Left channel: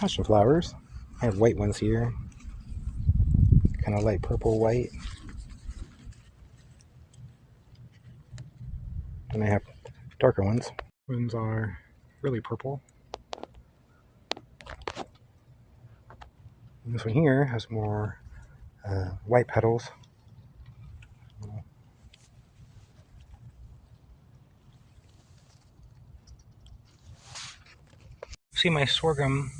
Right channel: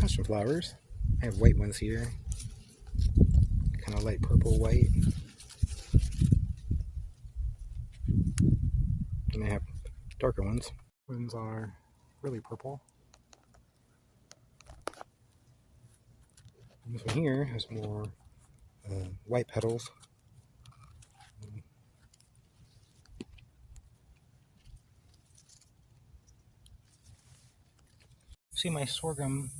Passion flowers. I have white ones here, kind of light purple white, and I have darker ones. Ones are really purple. And this one here has more white petals. See, my sorghum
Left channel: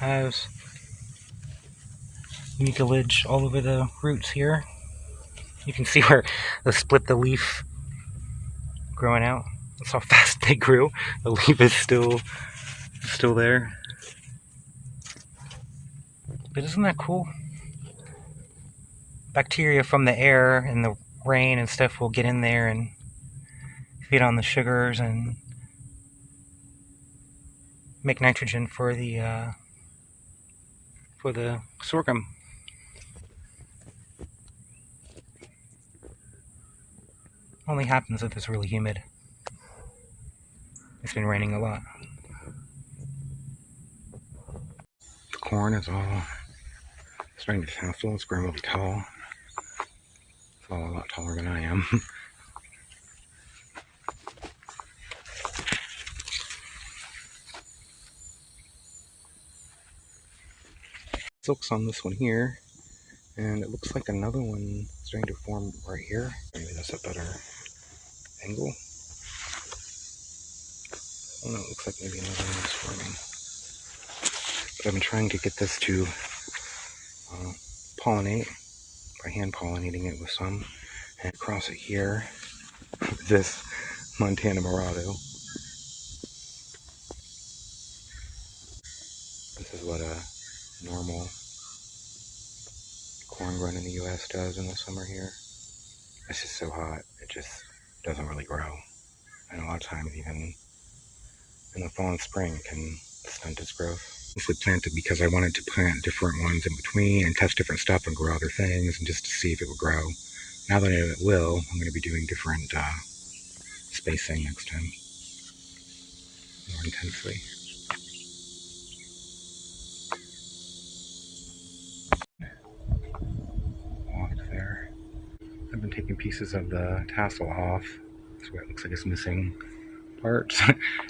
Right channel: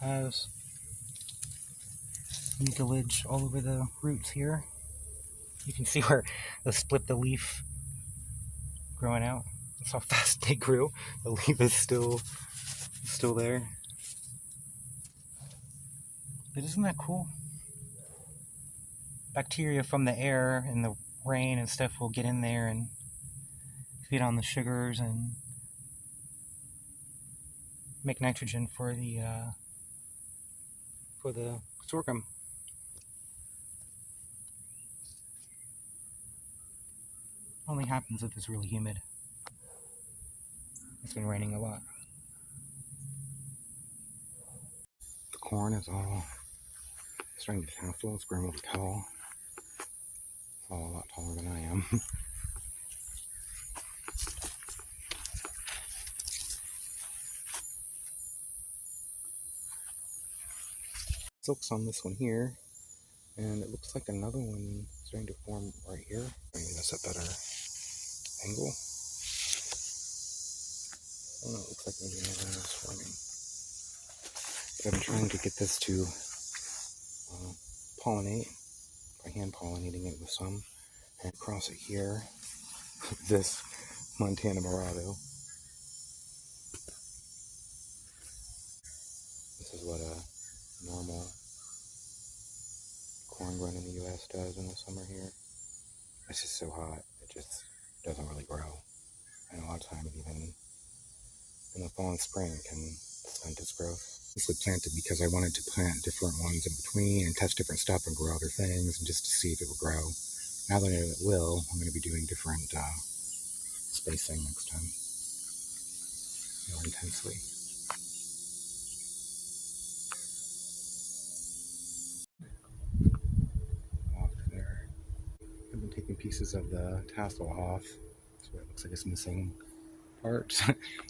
has mucilage all over the roots here. You can see where they split the leaf growing out. That's how fast they grew. The leaf is still there. But isn't that cool? Bacteria from the air and the rain and stuff will get in there and feed on the sugars and make nitrogen for the sorghum. Only happens if it's really humid. It's been raining a lot. The corn is all starting to tassel. It's growing really tall. It's all a lot taller than I am. Silks on this one here, and it looks like another one starting to form right here. Maybe that's a better angle. Oh no, it looks like maybe another one is forming. But I've been trying to get this to pollinate by hand pollinating it with some, and cross it here with this Montana Murado. This is what a normal corn run in the US does in the summer here. It's just so hot, it just doesn't really grow. And a lot of times even in the fall and spring it can stunt its growth. This was planted because I wanted to plant different ones in between and test different stuff and grow other things and just to see if it would grow. Now that it will, I'm going to be doing different spacing next time, more intensely. Off there. I've been taking pieces of the tassel off, that's where it looks like it's missing parts,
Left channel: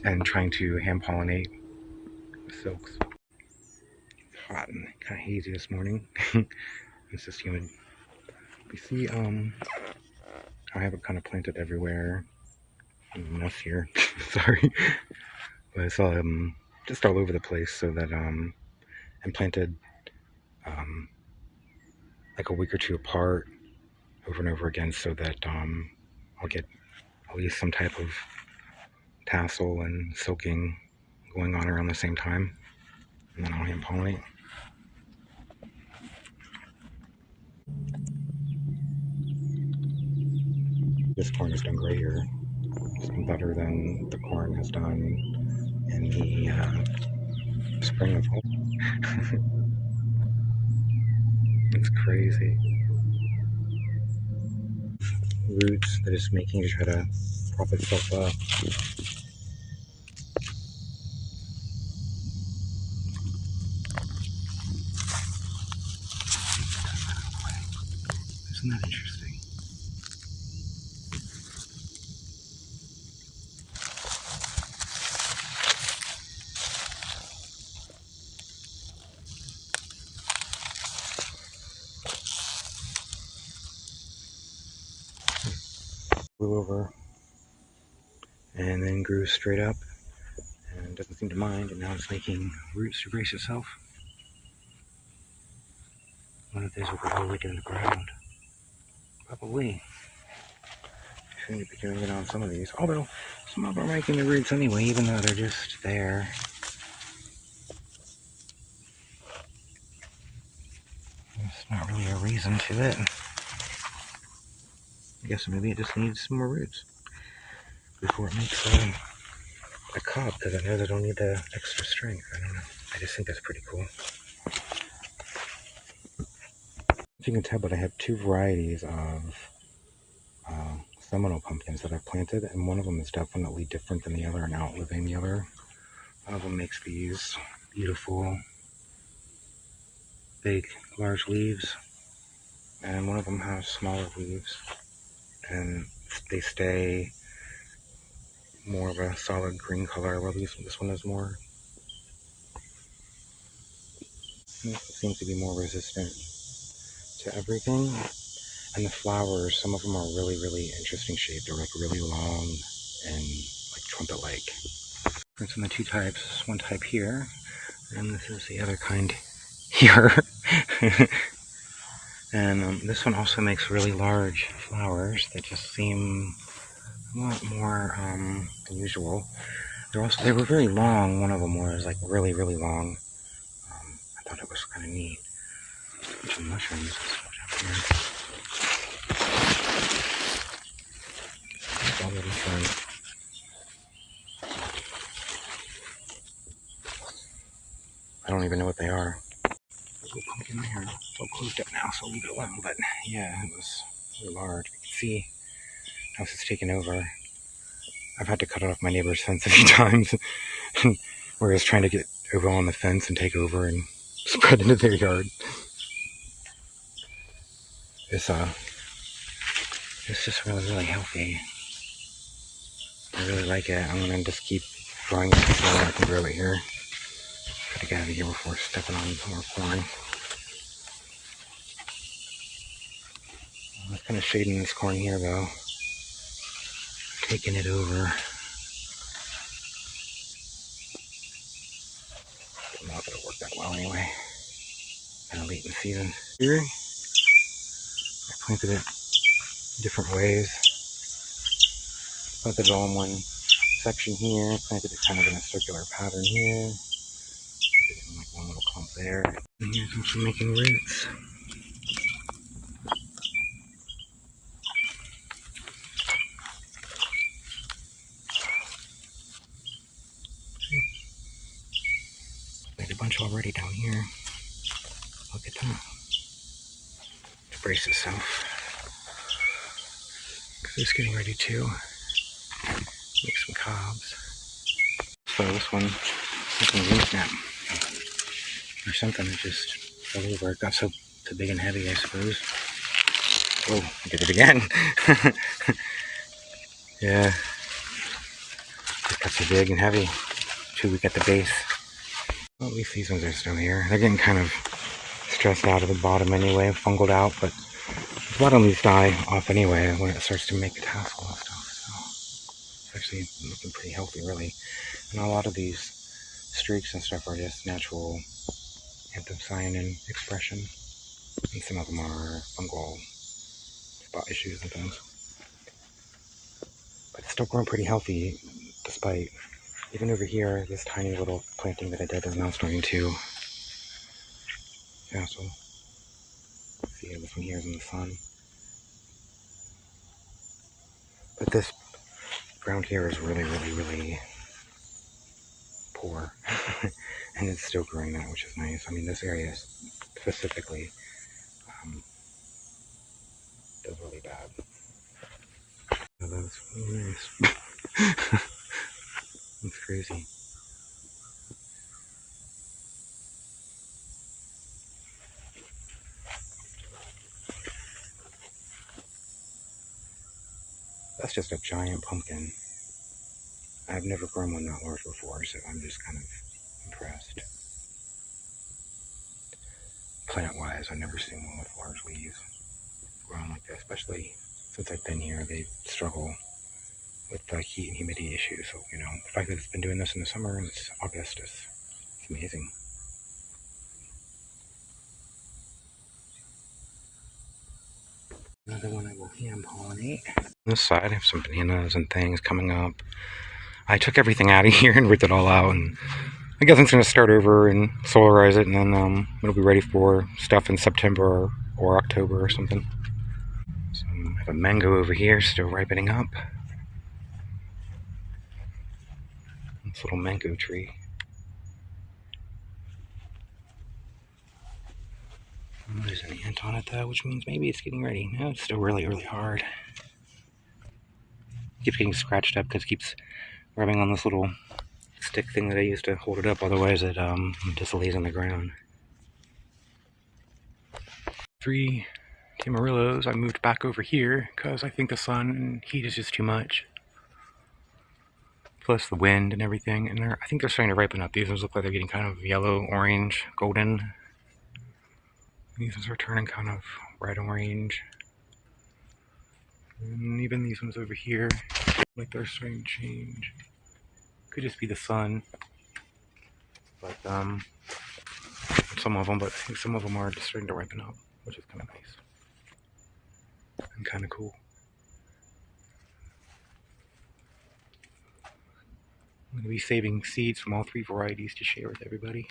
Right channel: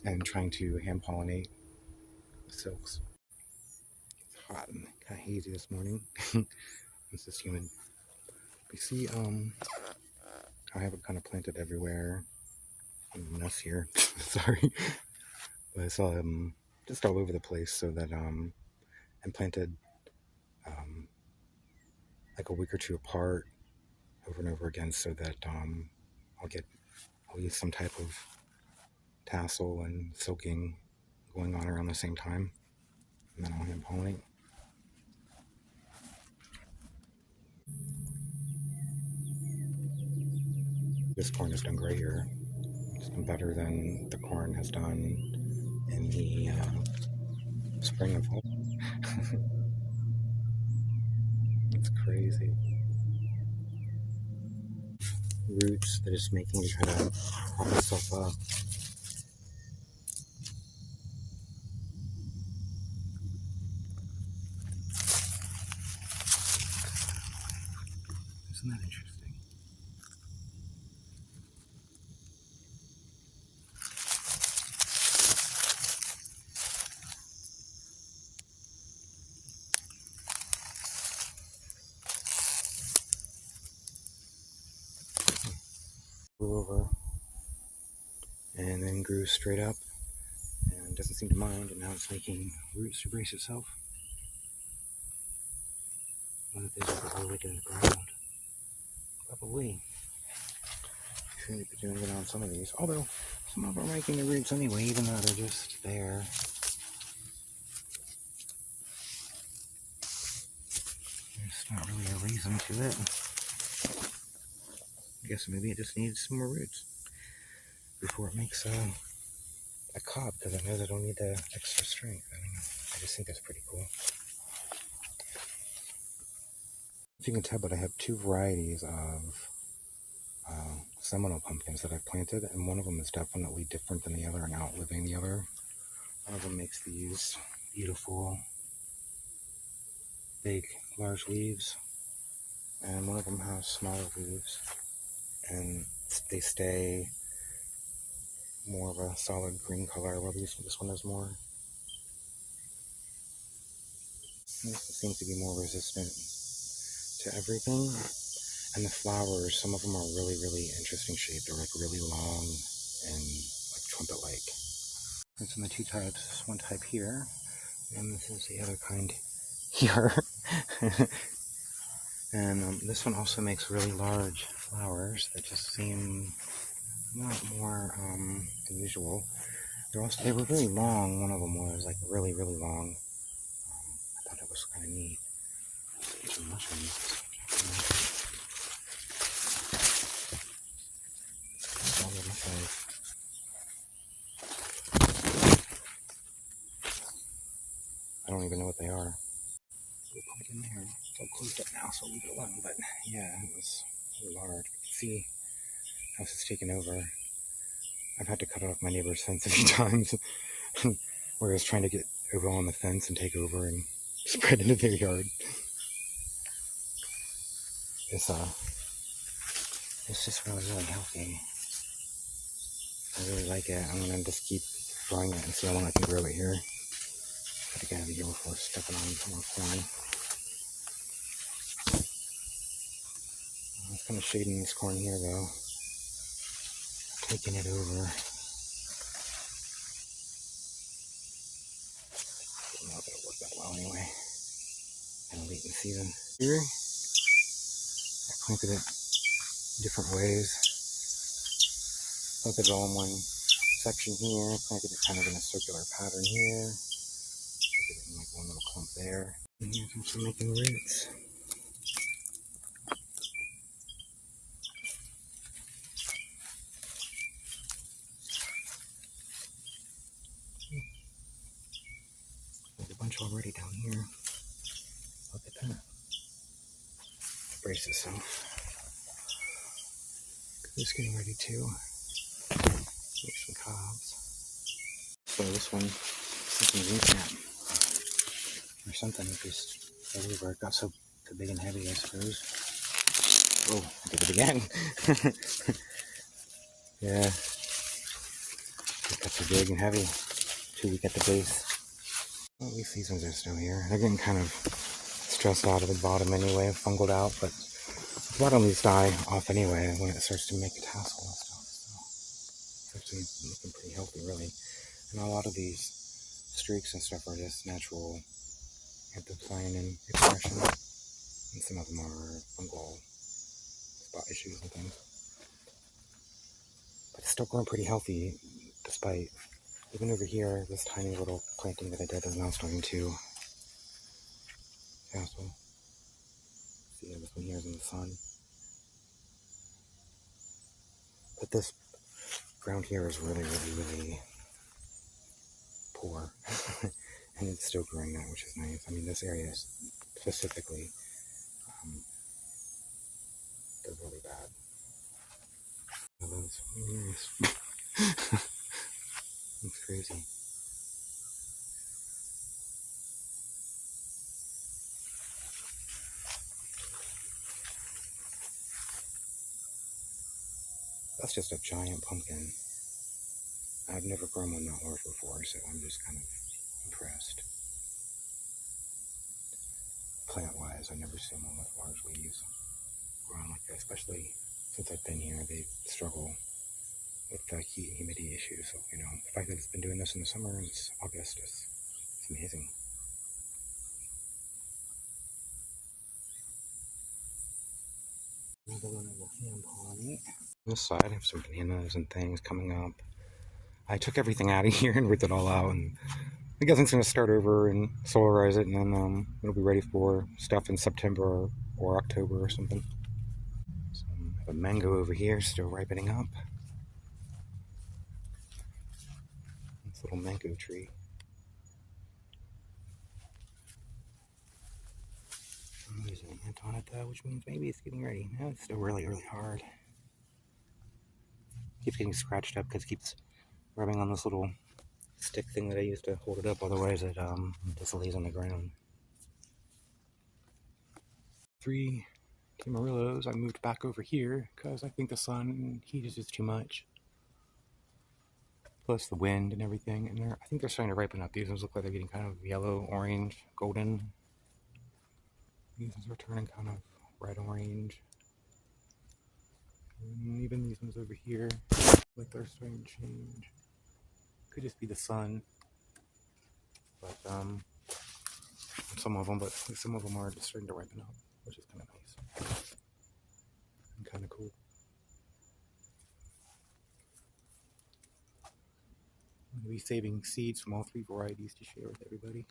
and trying to hand pollinate the silks. It's hot and kind of hazy this morning. It's just humid. You see, I have it kind of planted everywhere. Mess here, sorry, but it's just all over the place, so that and planted like a week or two apart over and over again, so that I'll get at least some type of tassel and silking going on around the same time, and then I'll hand pollinate. This corn has done great here. It's done better than the corn has done in the spring of hope. It's crazy. Roots that it's making to try to prop itself up. Isn't that interesting? Flew over and then grew straight up and doesn't seem to mind, and now it's making roots to brace itself. One of these will probably get in the ground. Probably. Seem to be doing it on some of these, although some of them are making the roots anyway, even though they're just there. There's not really a reason to it. I guess maybe it just needs some more roots before it makes a cob, because I know they don't need the extra strength. I don't know. I just think that's pretty cool. If you can tell, but I have two varieties of Seminole pumpkins that I've planted, and one of them is definitely different than the other and outliving the other. One of them makes these beautiful big, large leaves, and one of them has smaller leaves, and they stay more of a solid green color, while this one is more, this seems to be more resistant to everything. And the flowers, some of them are really, really interesting shaped. They're like really long and like trumpet-like. Difference in the two types. This one type here, and this is the other kind here. And this one also makes really large flowers that just seem a lot more unusual. They were very long. One of them was like really, really long. I thought it was kind of neat. Some mushrooms. All the mushrooms. I don't even know what they are. There's a little pumpkin there. It's all closed up now, so I'll leave it alone. But yeah, it was really large. You can see how it's taken over. I've had to cut off my neighbor's fence a few times, where I was trying to get over on the fence and take over and spread into their yard. It's just really, really healthy. I really like it. I'm gonna just keep growing it so I can grow it here. Gotta get out of here before stepping on more corn. It's kind of shading this corn here though. Taking it over. I'm not gonna work that well anyway. Kind of late in the season. Here, I planted it different ways. Planted it all in one section here. Planted it kind of in a circular pattern here. Planted it in like one little clump there. And here's also making roots. Made a bunch already down here. Look at that. Brace itself. Because it's getting ready to make some cobs. So this one, something like that, or something that just fell over. It got so big and heavy, I suppose. Oh, I did it again. Yeah. It got so big and heavy. Too weak at the base. Well, at least these ones are still here. They're getting kind of stressed out at the bottom anyway, fungled out, but a lot of these die off anyway when it starts to make the tassel and stuff. So it's actually looking pretty healthy, really. And a lot of these streaks and stuff are just natural anthocyanin expression, and some of them are fungal spot issues and things. But it's still growing pretty healthy, despite, even over here, this tiny little planting that I did is now starting to tassel. See, this one here is in the sun. But this ground here is really, really, really poor. And it's still growing that, which is nice. I mean, this area specifically does really bad. So that's really nice. That's crazy. That's just a giant pumpkin. I've never grown one that large before, so I'm just kind of impressed. Plant-wise, I've never seen one with large leaves grown like that, especially since I've been here. They struggle with the heat and humidity issues, so, you know, the fact that it's been doing this in the summer and it's August is amazing. Another one I will hand pollinate. On this side, I have some bananas and things coming up. I took everything out of here and ripped it all out, and I guess I'm going to start over and solarize it, and then it'll be ready for stuff in September or October or something. So I have a mango over here still ripening up. This little mango tree. Oh, there's an ant on it though, which means maybe it's getting ready. No, it's still really, really hard. Keeps getting scratched up because it keeps rubbing on this little stick thing that I used to hold it up, otherwise it just lays on the ground. 3 Tamarillos I moved back over here because I think the sun and heat is just too much. Plus the wind and everything. And I think they're starting to ripen up. These ones look like they're getting kind of yellow, orange, golden. These ones are turning kind of red orange. And even these ones over here, like they're starting to change. Could just be the sun. But some of them, but I think some of them are just starting to ripen up, which is kind of nice and kind of cool. I'm going to be saving seeds from all 3 varieties to share with everybody.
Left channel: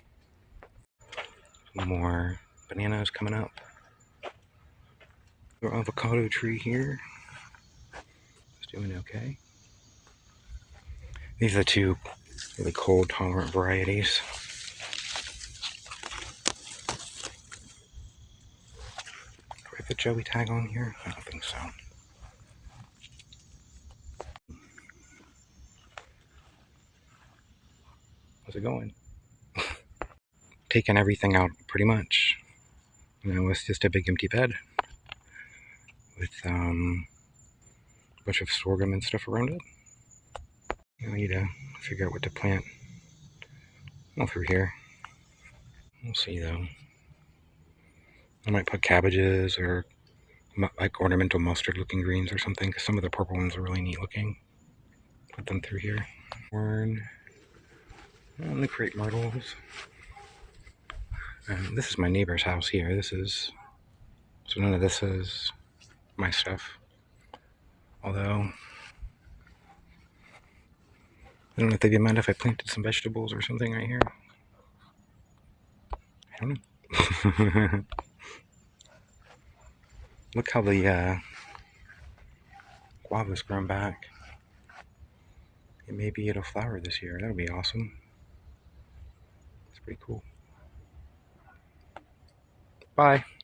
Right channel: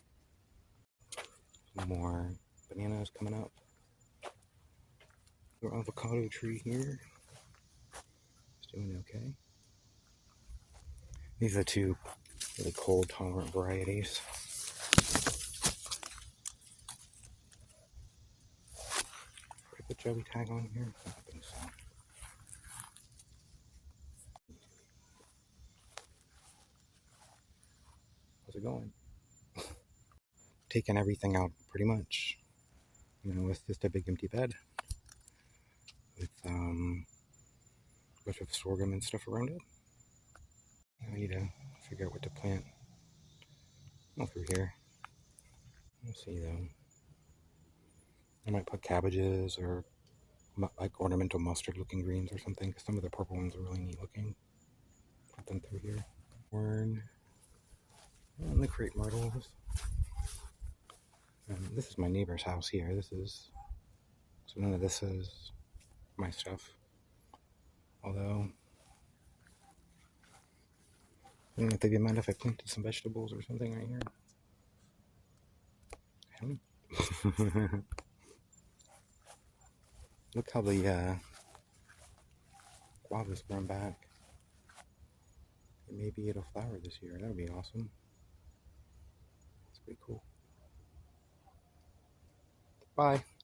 More bananas coming up. Our avocado tree here is doing okay. These are the 2 really cold tolerant varieties. Do I put Joey tag on here? I don't think so. How's it going? Taking everything out pretty much. You know, it's just a big empty bed with a bunch of sorghum and stuff around it. I need to figure out what to plant. All through here. We'll see though. I might put cabbages or like ornamental mustard looking greens or something, because some of the purple ones are really neat looking. Put them through here. Corn. And the crepe myrtles. This is my neighbor's house here. So none of this is my stuff. Although, I don't know if they'd mind if I planted some vegetables or something right here. I don't know. Look how the guava's grown back. And maybe it'll flower this year. That'll be awesome. It's pretty cool. Bye.